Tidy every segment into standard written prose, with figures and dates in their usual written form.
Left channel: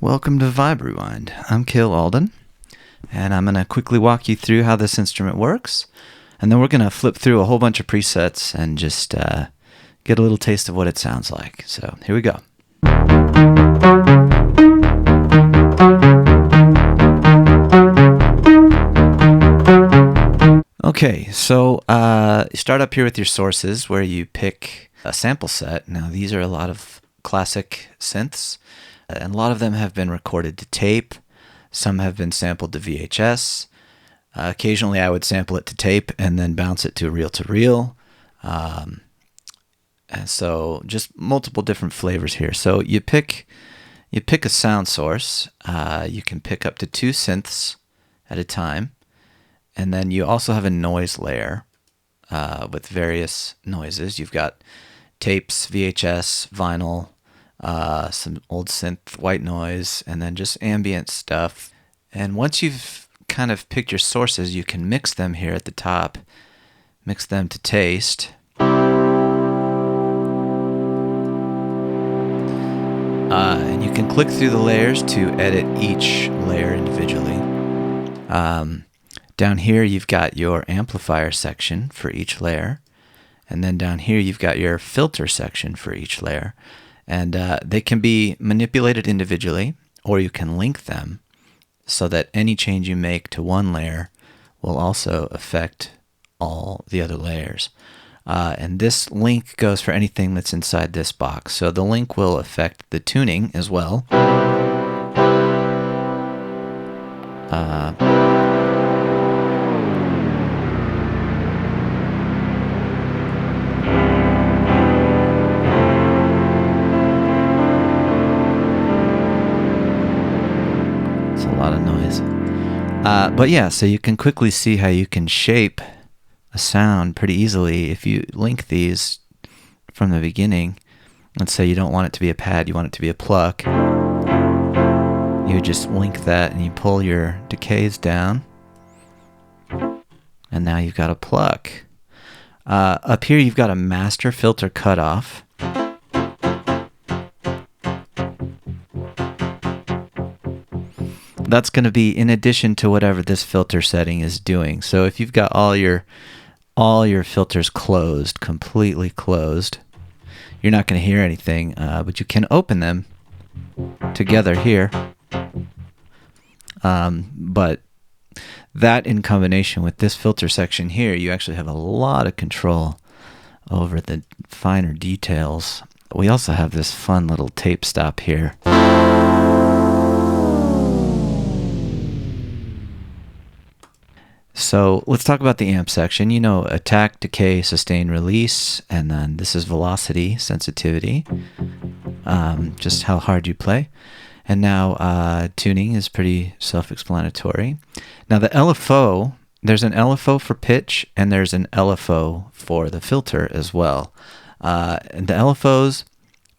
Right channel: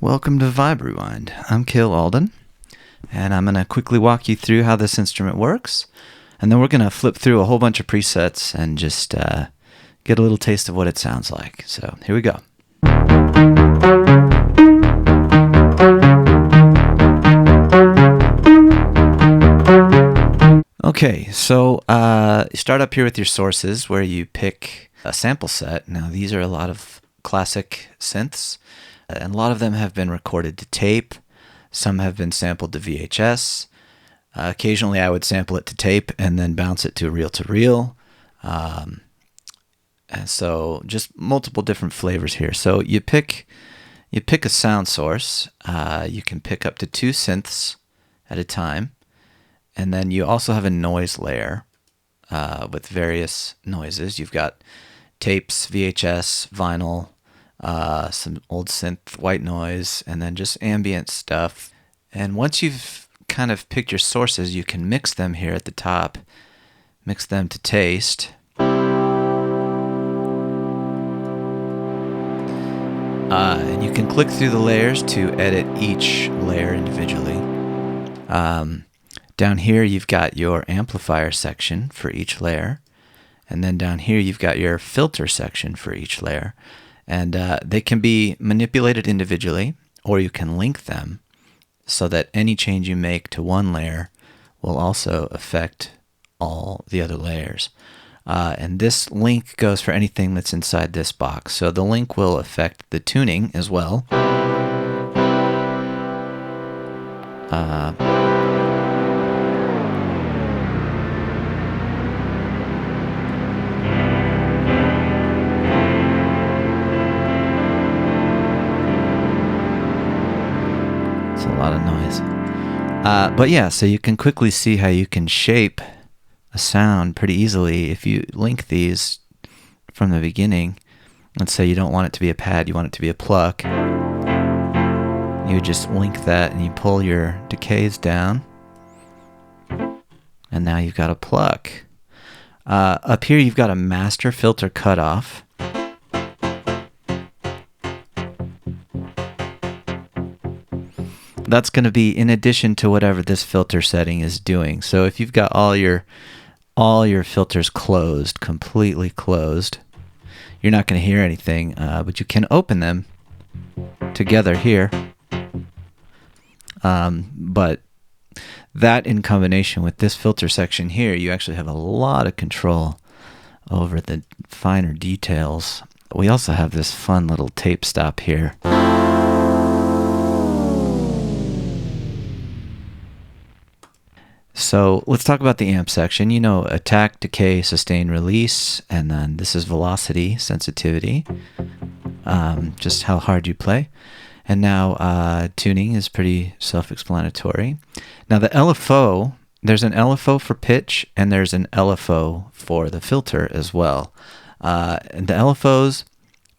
Welcome to Vibe Rewind. I'm Kale Alden, and I'm going to quickly walk you through how this instrument works, and then we're going to flip through a whole bunch of presets and just get a little taste of what it sounds like. So here we go. Okay, so you start up here with your sources where you pick a sample set. Now these are a lot of classic synths, and a lot of them have been recorded to tape. Some have been sampled to VHS. Occasionally I would sample it to tape and then bounce it to reel-to-reel. And so just multiple different flavors here. So you pick a sound source. You can pick up to 2 synths at a time. And then you also have a noise layer with various noises. You've got tapes, VHS, vinyl, some old synth, white noise, and then just ambient stuff. And once you've kind of picked your sources, you can mix them here at the top. Mix them to taste. And you can click through the layers to edit each layer individually. Down here you've got your amplifier section for each layer. And then down here you've got your filter section for each layer. And they can be manipulated individually, or you can link them so that any change you make to one layer will also affect all the other layers. And this link goes for anything that's inside this box. So the link will affect the tuning as well. It's a lot of noise. But yeah, so you can quickly see how you can shape a sound pretty easily if you link these from the beginning. Let's say you don't want it to be a pad, you want it to be a pluck. You just link that and you pull your decays down. And now you've got a pluck. Up here you've got a master filter cutoff. That's going to be in addition to whatever this filter setting is doing. So if you've got all your filters closed, completely closed, you're not going to hear anything, but you can open them together here. But that in combination with this filter section here, you actually have a lot of control over the finer details. We also have this fun little tape stop here. So let's talk about the amp section. You know, attack, decay, sustain, release, and then this is velocity, sensitivity, just how hard you play. And now tuning is pretty self-explanatory. Now the LFO, there's an LFO for pitch and there's an LFO for the filter as well. And the LFOs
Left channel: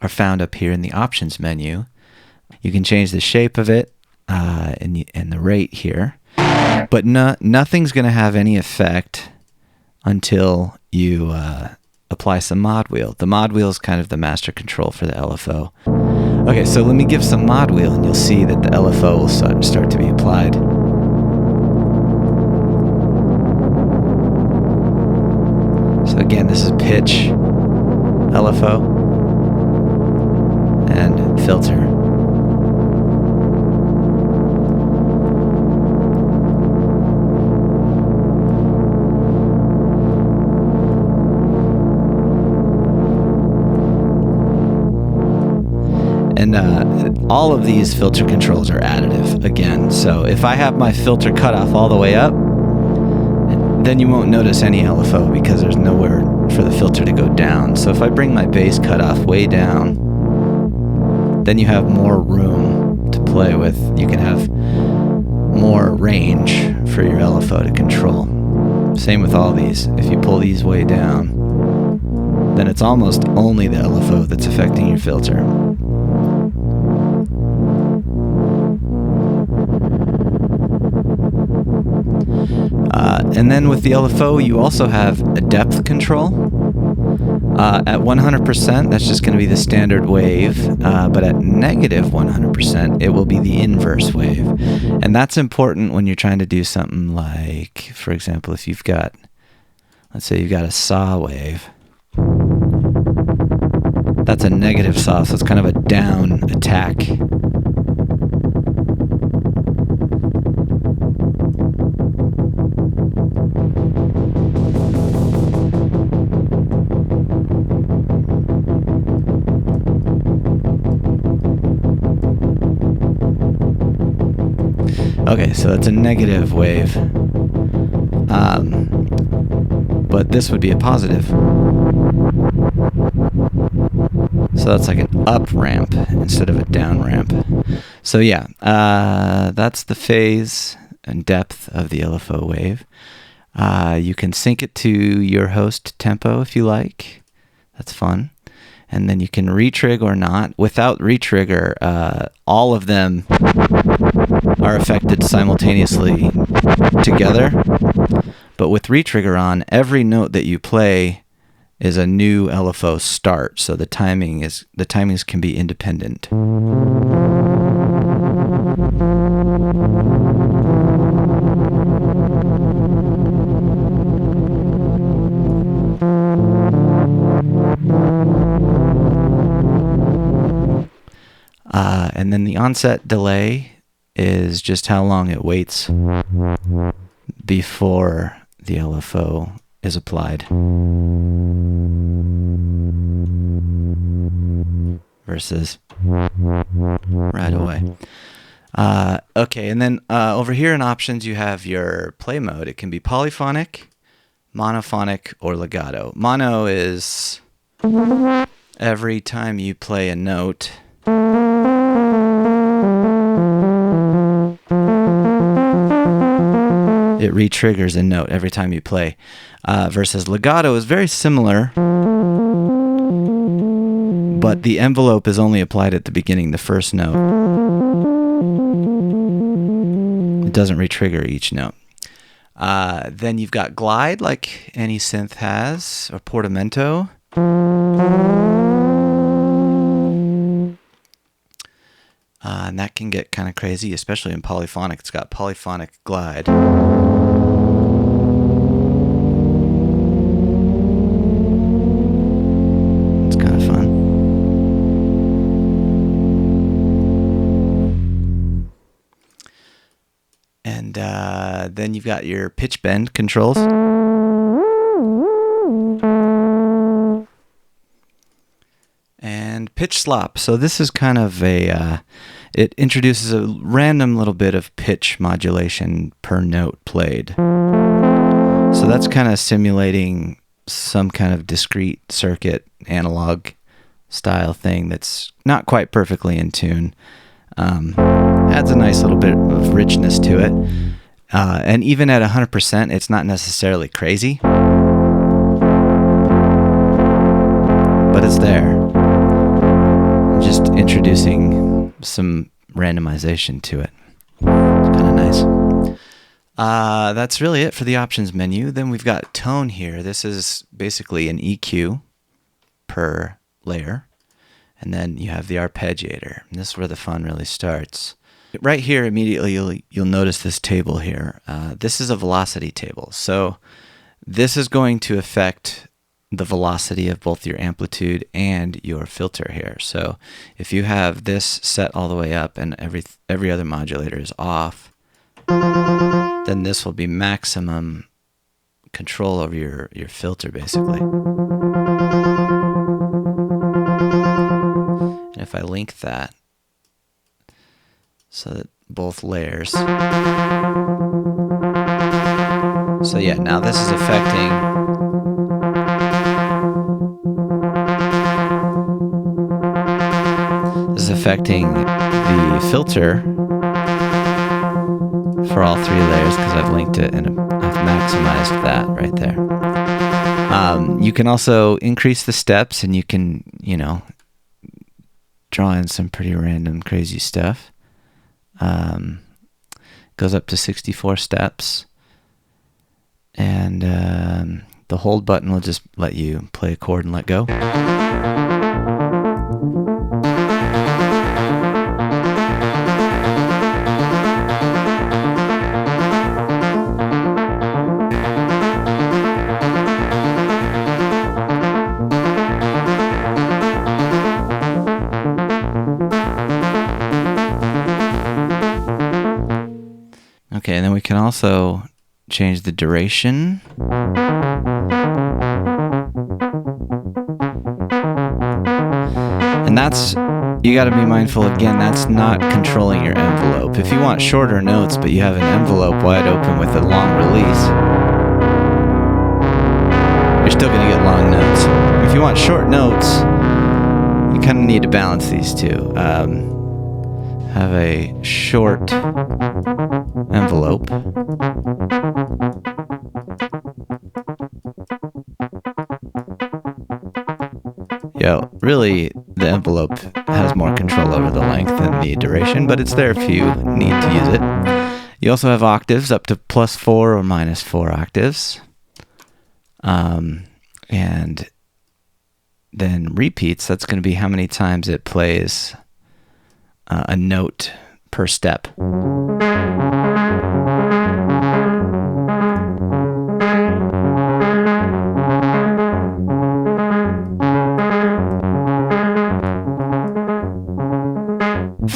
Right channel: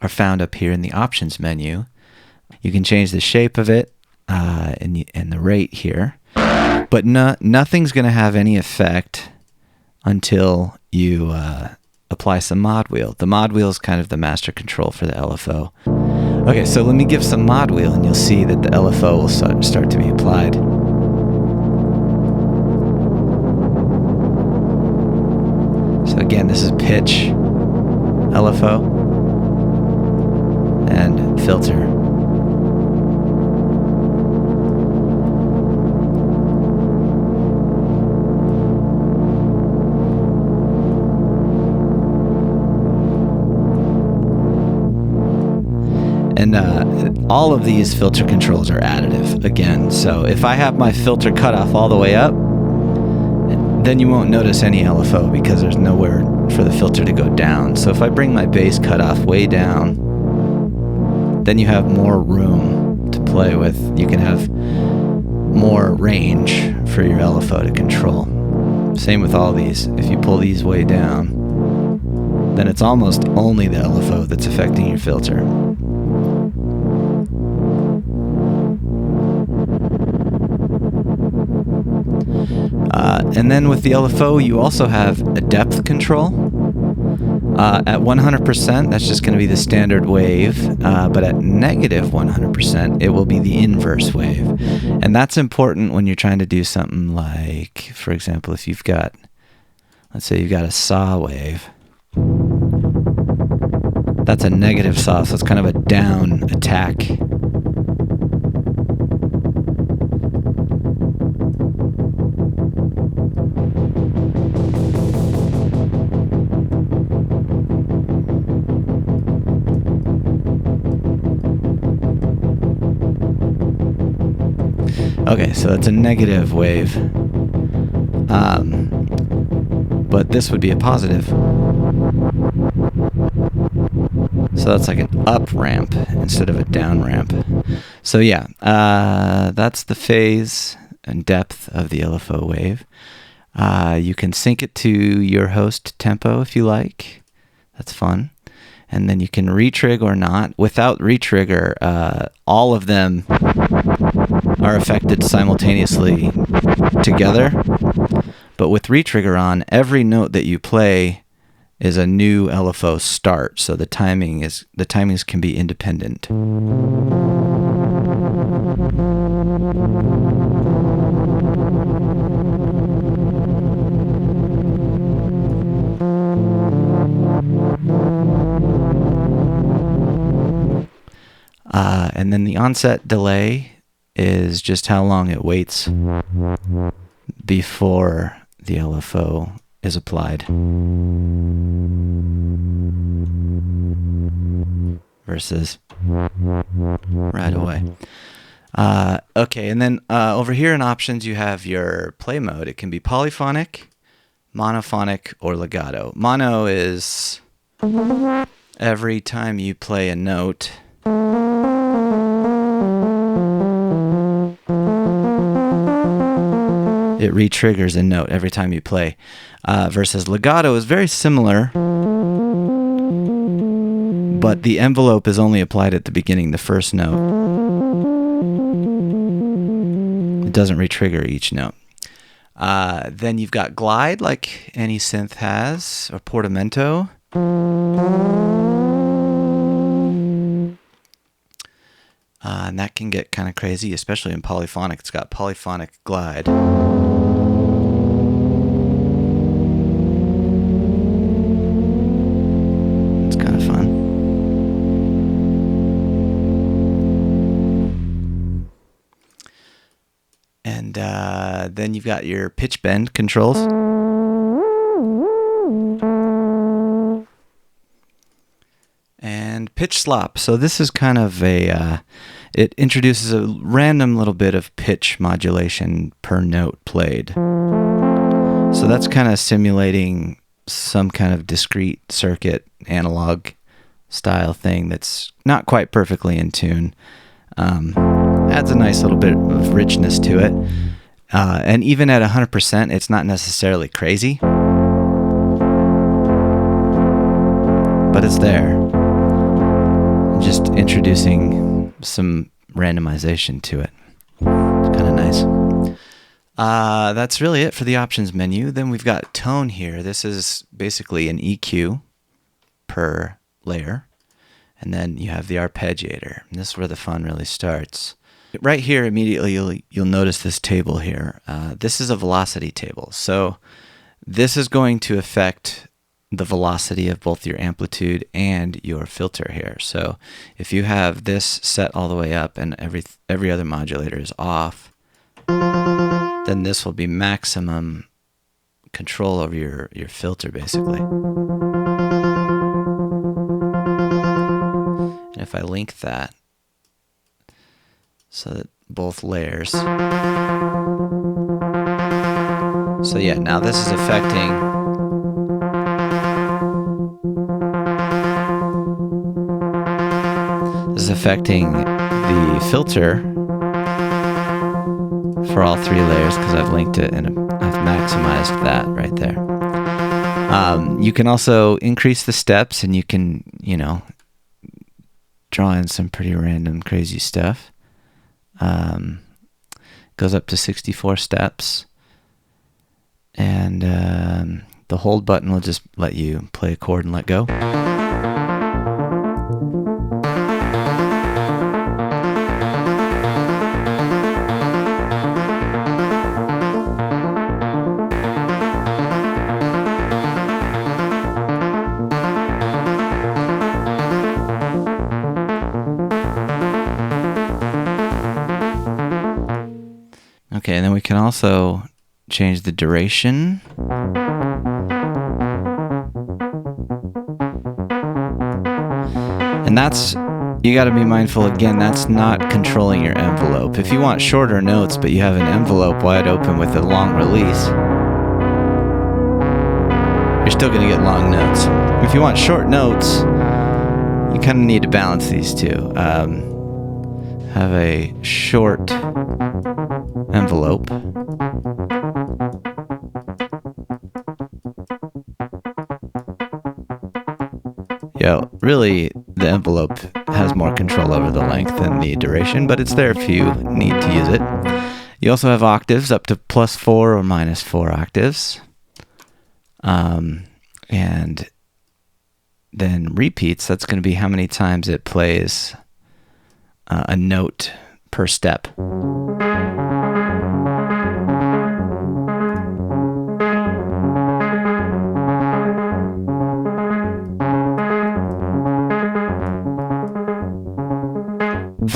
are found up here in the options menu. You can change the shape of it and the rate here. But nothing's going to have any effect until you apply some mod wheel. The mod wheel is kind of the master control for the LFO. Okay, so let me give some mod wheel and you'll see that the LFO will start to be applied. So again, this is pitch, LFO, and filter. And all of these filter controls are additive, again. So if I have my filter cutoff all the way up, then you won't notice any LFO because there's nowhere for the filter to go down. So if I bring my bass cutoff way down, then you have more room to play with. You can have more range for your LFO to control. Same with all these. If you pull these way down, then it's almost only the LFO that's affecting your filter. And then with the LFO, you also have a depth control. At 100%, that's just going to be the standard wave, but at negative 100%, it will be the inverse wave. And that's important when you're trying to do something like, for example, if you've got, let's say you've got a saw wave. That's a negative saw, so it's kind of a down attack. Okay, so it's a negative wave, but this would be a positive. So that's like an up ramp instead of a down ramp. So yeah, that's the phase and depth of the LFO wave. You can sync it to your host tempo if you like. That's fun. And then you can retrigger or not. Without retrigger, all of them are affected simultaneously together. But with retrigger on, every note that you play is a new LFO start. So the timings can be independent. And then the onset delay is just how long it waits before the LFO is applied versus right away. Okay, and then over here in options you have your play mode. It can be polyphonic, monophonic, or legato. Mono is every time you play a note, it re-triggers a note every time you play. Versus legato is very similar, but the envelope is only applied at the beginning, the first note. It doesn't re-trigger each note. Then you've got glide, like any synth has, or portamento. And that can get kind of crazy, especially in polyphonic. It's got polyphonic glide. It's kind of fun. And then you've got your pitch bend controls. And pitch slop. So this is kind of a, it introduces a random little bit of pitch modulation per note played. So that's kind of simulating some kind of discrete circuit analog style thing that's not quite perfectly in tune. Adds a nice little bit of richness to it. And even at 100%, it's not necessarily crazy, but it's there. Just introducing some randomization to it. It's kind of nice. That's really it for the options menu. Then we've got tone here. This is basically an EQ per layer. And then you have the arpeggiator. And this is where the fun really starts. Right here, immediately, you'll notice this table here. This is a velocity table. So this is going to affect the velocity of both your amplitude and your filter here. So if you have this set all the way up and every other modulator is off, then this will be maximum control over your filter, basically. And if I link that so that both layers. So yeah, now this is affecting the filter for all three layers because I've linked it and I've maximized that right there. You can also increase the steps and you can, draw in some pretty random crazy stuff. Goes up to 64 steps. And the hold button will just let you play a chord and let go. Okay, and then we can also change the duration. And that's, you got to be mindful again, that's not controlling your envelope. If you want shorter notes, but you have an envelope wide open with a long release, you're still going to get long notes. If you want short notes, you kind of need to balance these two. Have a short envelope. Really, the envelope has more control over the length than the duration, but it's there if you need to use it. You also have octaves up to +4 or -4 octaves. And then repeats, that's going to be how many times it plays a note per step.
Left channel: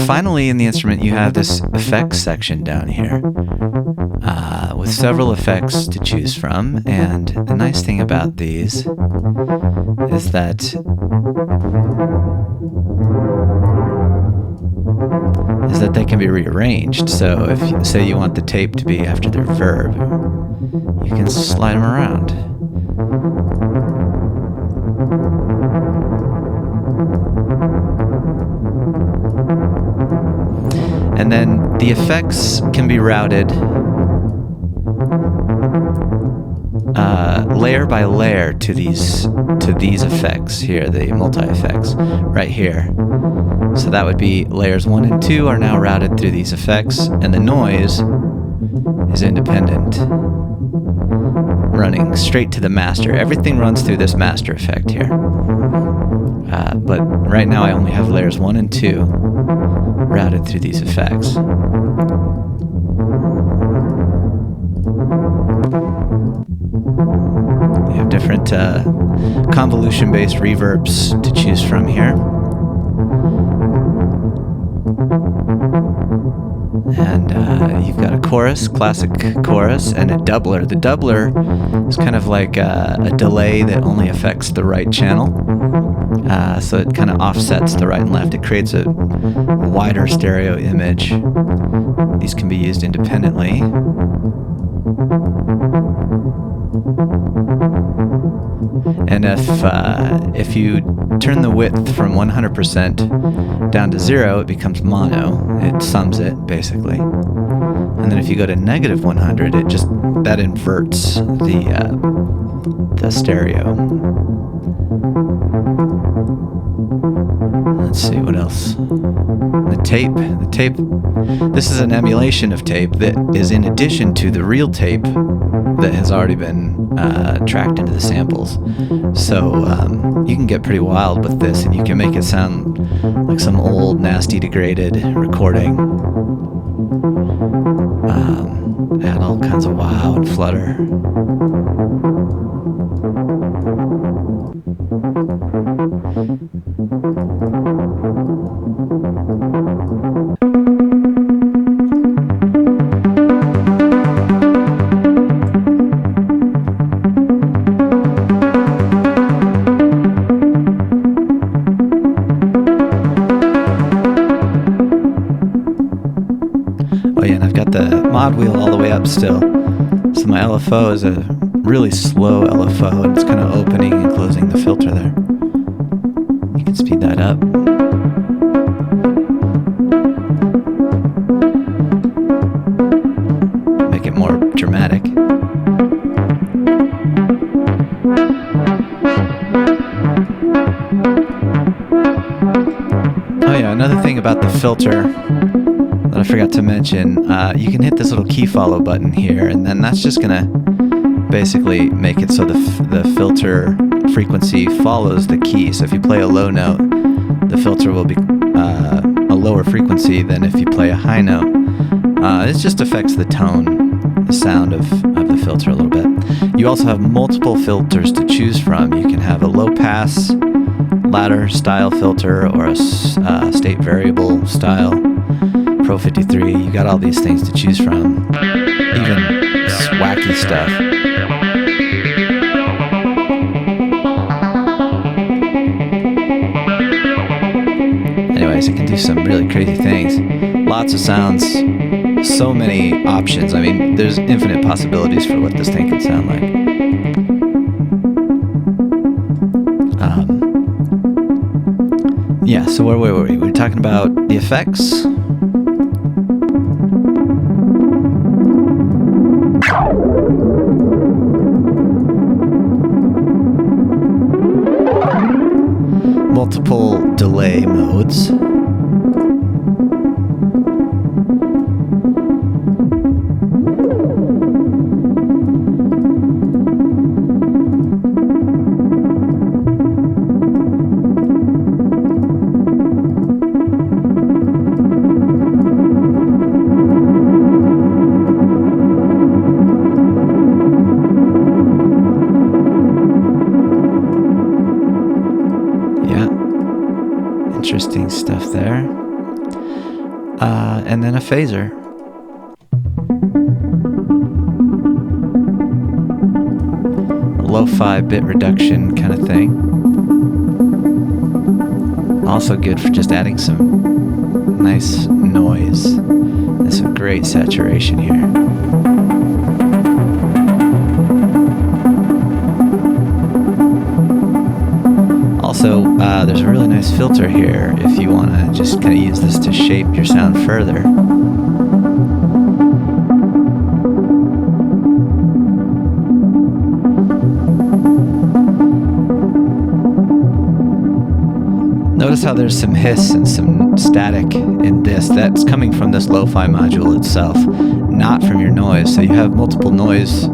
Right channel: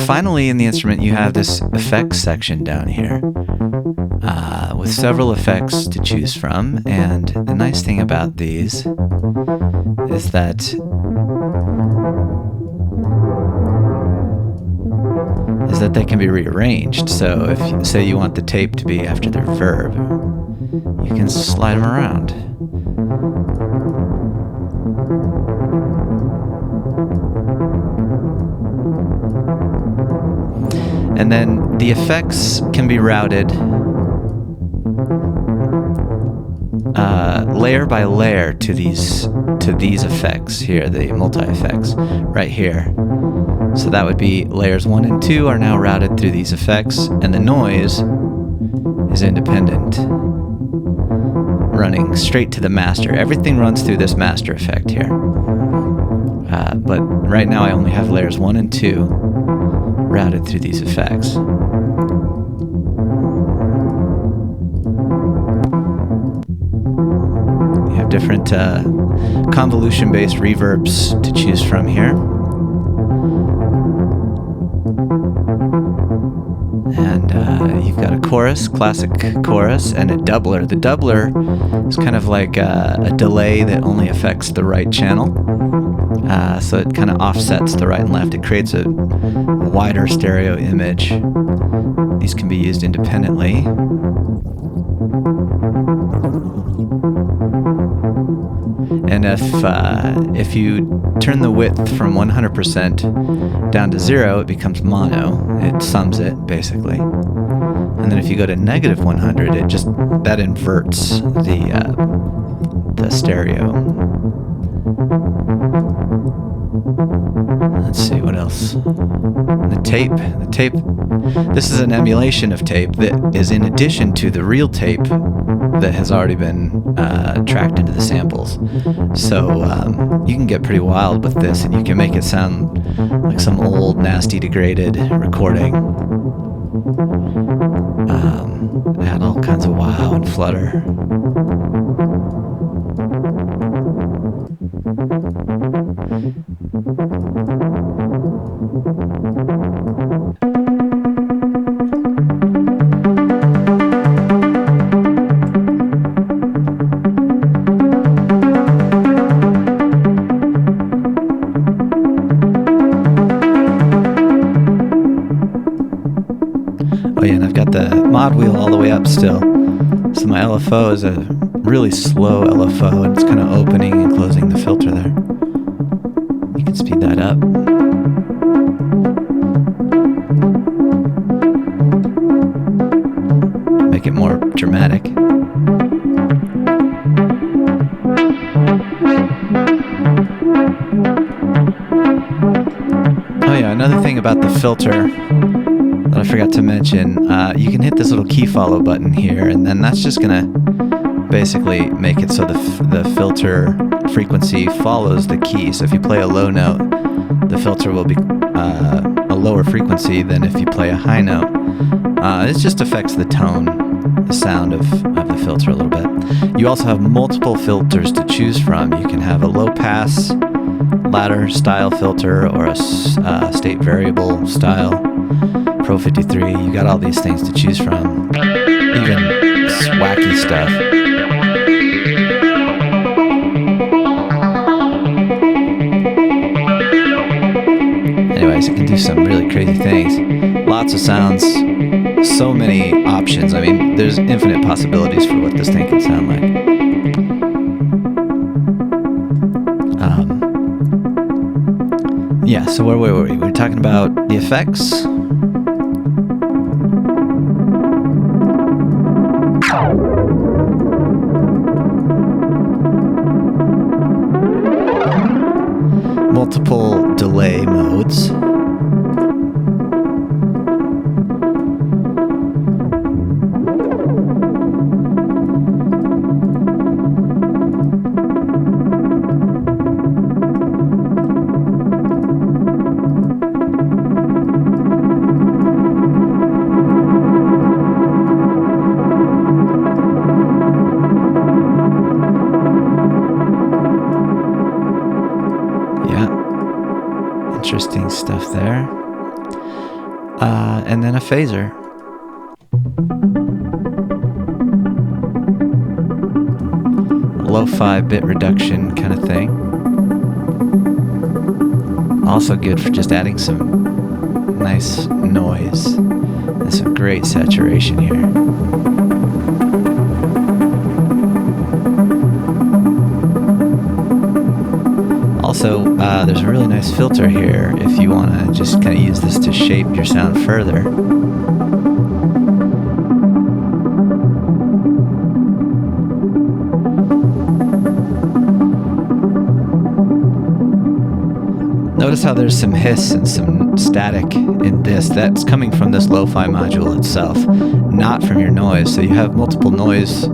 Finally, in the instrument, you have this effects section down here with several effects to choose from. And the nice thing about these is that they can be rearranged. So if you say you want the tape to be after their verb, you can slide them around. And then the effects can be routed layer by layer to these effects here, the multi-effects right here. So that would be layers 1 and 2 are now routed through these effects, and the noise is independent, running straight to the master. Everything runs through this master effect here. But right now I only have layers 1 and 2 routed through these effects. You have different convolution-based reverbs to choose from here. And you've got a chorus, classic chorus, and a doubler. The doubler is kind of like a delay that only affects the right channel. So it kind of offsets the right and left. It creates a wider stereo image. These can be used independently. And if you turn the width from 100% down to 0, it becomes mono. It sums it, basically. And then if you go to -100, that inverts the stereo. Let's see what else. The tape This is an emulation of tape that is in addition to the real tape that has already been tracked into the samples. So you can get pretty wild with this, and you can make it sound like some old, nasty, degraded recording. Add all kinds of wow and flutter. Oh yeah, and I've got the mod wheel all the way up still. So my LFO is a really slow LFO, and it's kind of opening and closing the filter there. You can speed that up. Make it more dramatic. Oh yeah, another thing about the filter that I forgot to mention, you can hit this little key follow button here, and then that's just gonna basically make it so the filter frequency follows the key. So if you play a low note, the filter will be a lower frequency than if you play a high note. It just affects the tone, the sound of the filter a little bit. You also have multiple filters to choose from. You can have a low pass ladder style filter or a state variable style. Pro 53, you got all these things to choose from, even wacky stuff. Anyways, it can do some really crazy things. Lots of sounds, so many options. I mean, there's infinite possibilities for what this thing can sound like. Yeah, so where were we? We were talking about the effects. Multiple delay modes. Interesting stuff there. And then a phaser. A lo-fi bit reduction kind of thing. Also good for just adding some nice noise and some great saturation here. Also, there's a really nice filter here if you want to just kind of use this to shape your sound further. Notice how there's some hiss and some static in this. That's coming from this lo-fi module itself, not from your noise. So you have multiple noise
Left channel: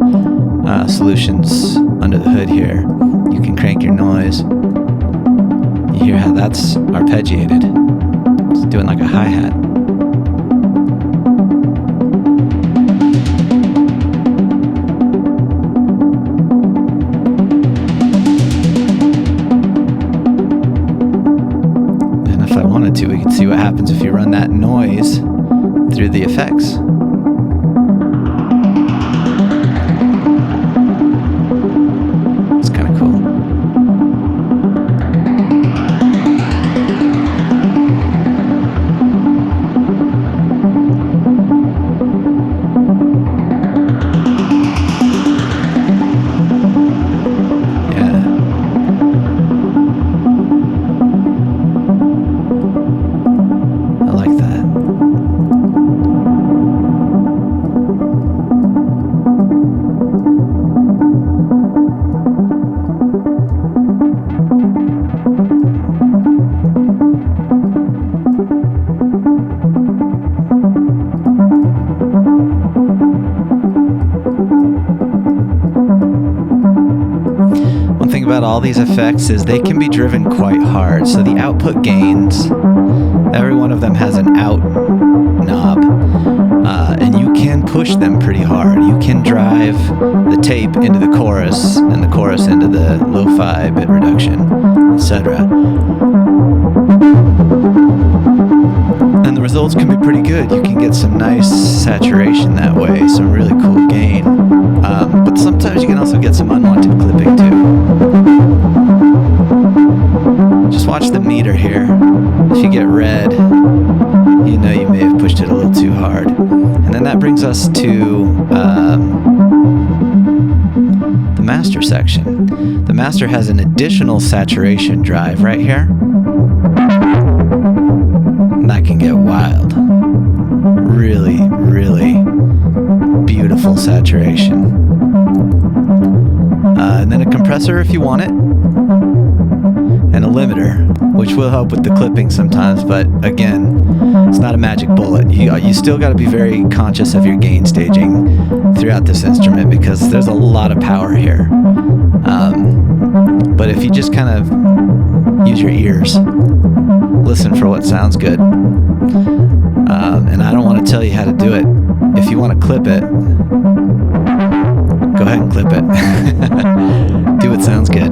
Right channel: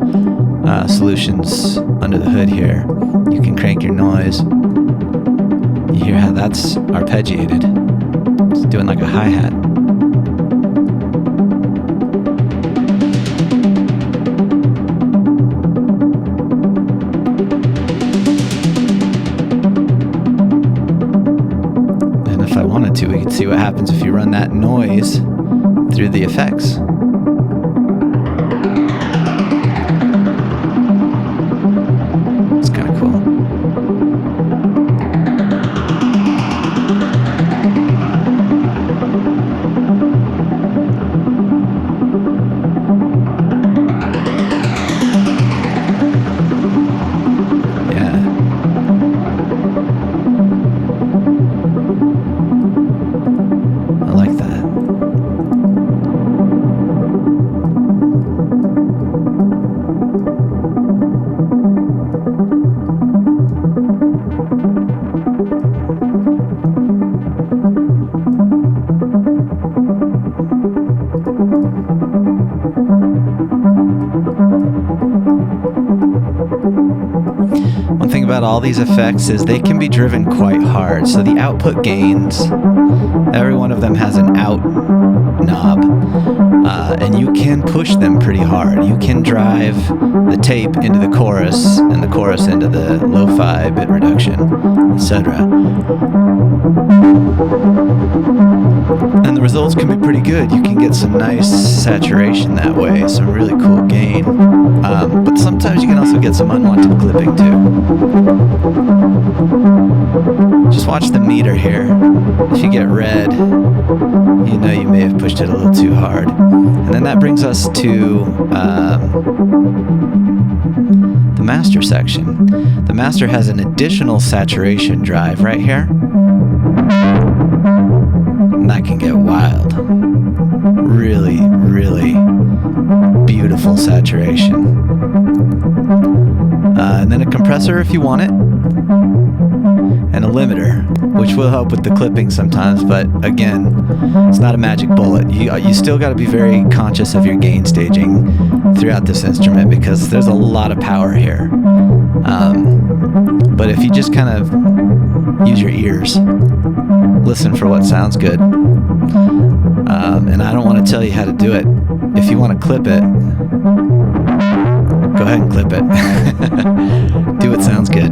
solutions under the hood here. You can crank your noise. You hear how that's arpeggiated. It's doing like a hi-hat. And if I wanted to, we could see what happens if you run that noise through the effects. It's kind of cool. about all these effects is they can be driven quite hard. So the output gains, every one of them has an out knob, and you can push them pretty hard. You can drive the tape into the chorus and the chorus into the lo-fi bit reduction, etc. And the results can be pretty good. You can get some nice saturation that way, some really cool gain. But sometimes you can also get some unwanted clipping too. Just watch the meter here. If you get red, you know you may have pushed it a little too hard. And then that brings us to the master section. The master has an additional saturation drive right here. And that can get wild. Really, really beautiful saturation. And then a compressor if you want it. And a limiter, which will help with the clipping sometimes, but again, it's not a magic bullet. You still got to be very conscious of your gain staging throughout this instrument because there's a lot of power here. But if you just kind of use your ears, listen for what sounds good. And I don't want to tell you how to do it. If you want to clip it, go ahead and clip it. Do what sounds good.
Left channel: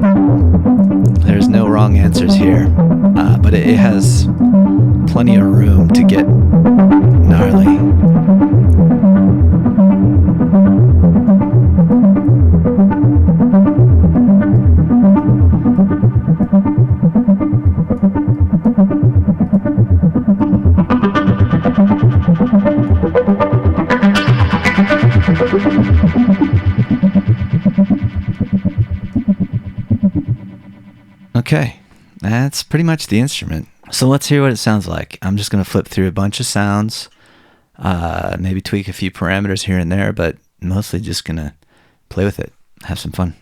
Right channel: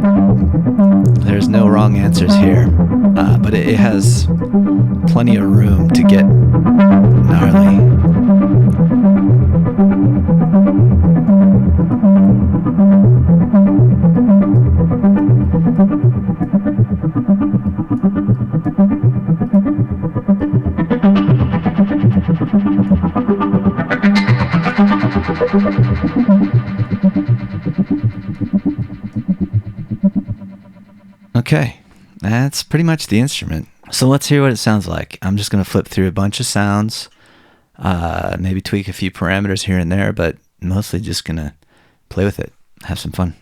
There's no wrong answers here, but it has plenty of room to get gnarly. Okay, that's pretty much the instrument. So let's hear what it sounds like. I'm just going to flip through a bunch of sounds, maybe tweak a few parameters here and there, but mostly just going to play with it, have some fun.